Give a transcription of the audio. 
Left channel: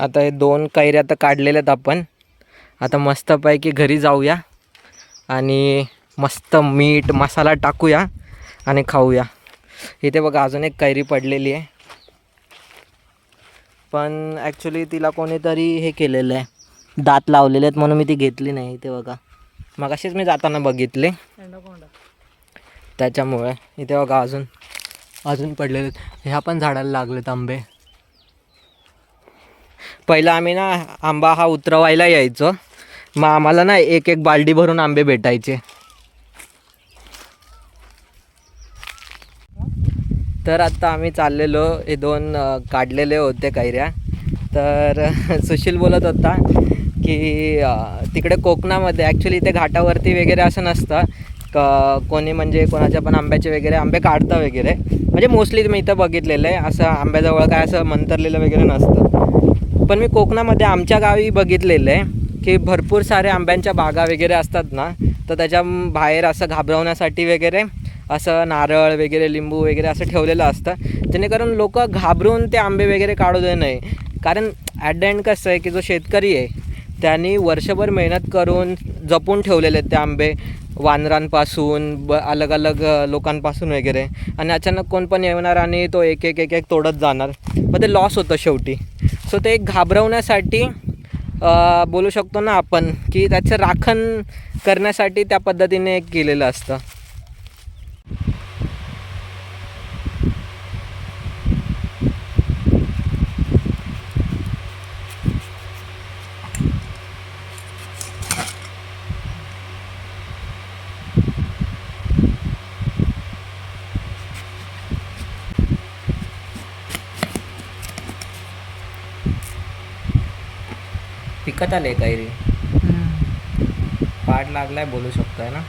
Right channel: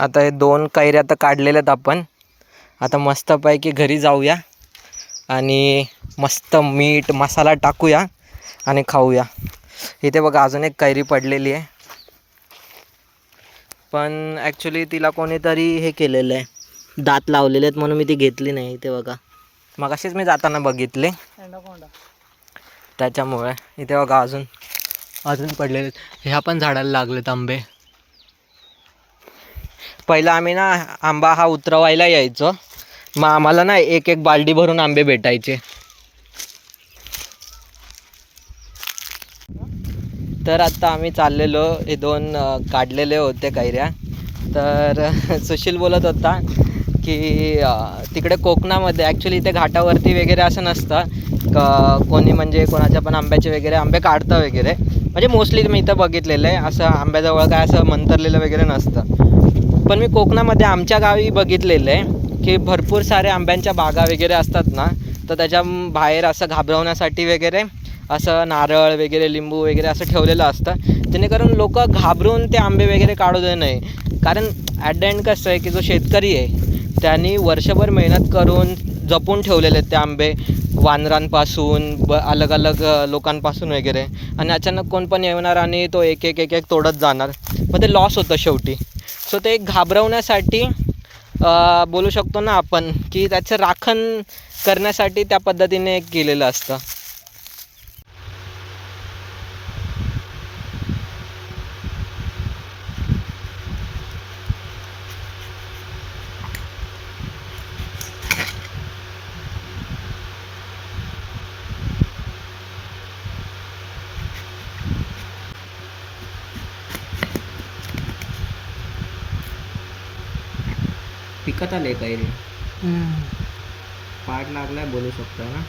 आता हे 2 कैऱ्या आता काढलेल्या आहेत आपण. आता मस्तपैकी घरी जाऊया आणि मस्त मीठ मसाला टाकूया आणि खाऊया. इथे बघा अजून एक कैरी पडलेली आहे, पण ॲक्च्युली तिला कोणीतरी हे केलेलं आहे, दात लावलेले आहेत म्हणून मी ती घेतली नाही. इथे बघा मग असेच मी जाताना बघितले त्याच्यामुळे. इथे बघा अजून पडलेले आहेत. ह्या पण झाडाला लागलेत आंबे. पहिला आम्ही ना आंबा हा उतरवायला यायचो, मग आम्हाला ना एक एक बालडी भरून आंबे भेटायचे. तर आता आम्ही चाललेलो, हे 2 काढलेले होते कैऱ्या. तर सुशील बोलत होता की तिकडे कोकणामध्ये ॲक्च्युली इथे घाटावरती वगैरे असं नसतं कोणी म्हणजे कोणाच्या पण आंब्याचे वगैरे आंबे काढतं वगैरे, म्हणजे मोस्टली मी इथं बघितलेलं आहे. असं आंब्याजवळ काय असं मंतरलेलं वगैरे नसतं. पण मी कोकणामध्ये आमच्या गावी बघितलेलं आहे की भरपूर सारे आंब्यांच्या बागा वगैरे असतात ना, तर त्याच्या बाहेर असं घाबरवण्यासाठी वगैरे असं नारळ वगैरे लिंबू वगैरे असं ठेवलेलं असतं, जेणेकरून लोक घाबरून ते आंबे वगैरे काढू दे नाही. कारण ॲट द एंड कसं आहे की जो शेतकरी आहे त्यांनी वर्षभर मेहनत करून जपून ठेवलेले आहेत ते आंबे, वानरांपासून अलग अलग लोकांपासून वगैरे, आणि अचानक कोण पण येणार आणि तो एक एक तोडत जाणार, मग ते लॉस होतं शेवटी. सो ते एक घाबरवण्यासाठी बोलू शकतो ना आपण की त्याचं राखण करण्यासाठी त्या पद्धतीने केलेलं असतं. पिकत आले कैरी, पाड लागलाय बोलू शकतोय ना.